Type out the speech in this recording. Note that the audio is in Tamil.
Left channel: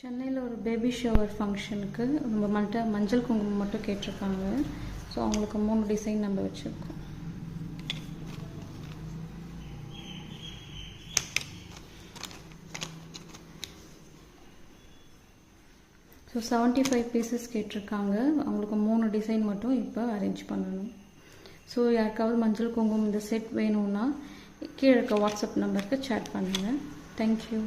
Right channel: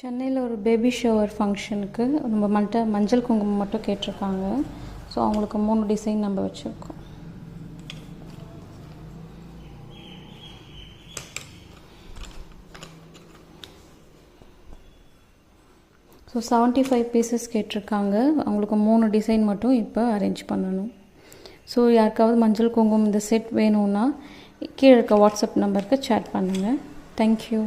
சென்னையில் ஒரு பேபி ஷவர் ஃபங்க்ஷனுக்கு நம்ம மஞ்சள் குங்குமம் மட்டும் கேட்டிருக்காங்க. ஸோ அவங்களுக்கு 3 டிசைன் நம்ம வச்சுருக்கோம். ஸோ 75 பீசஸ் கேட்டிருக்காங்க. அவங்களுக்கு 3 டிசைன் மட்டும் இப்போ அரேஞ்ச் பண்ணணும். ஸோ யாருக்காவது மஞ்சள் குங்குமம் இந்த செட் வேணும்னா கீழே இருக்க வாட்ஸ்அப் நம்பருக்கு சேட் பண்ணுங்கள். தேங்க்யூ.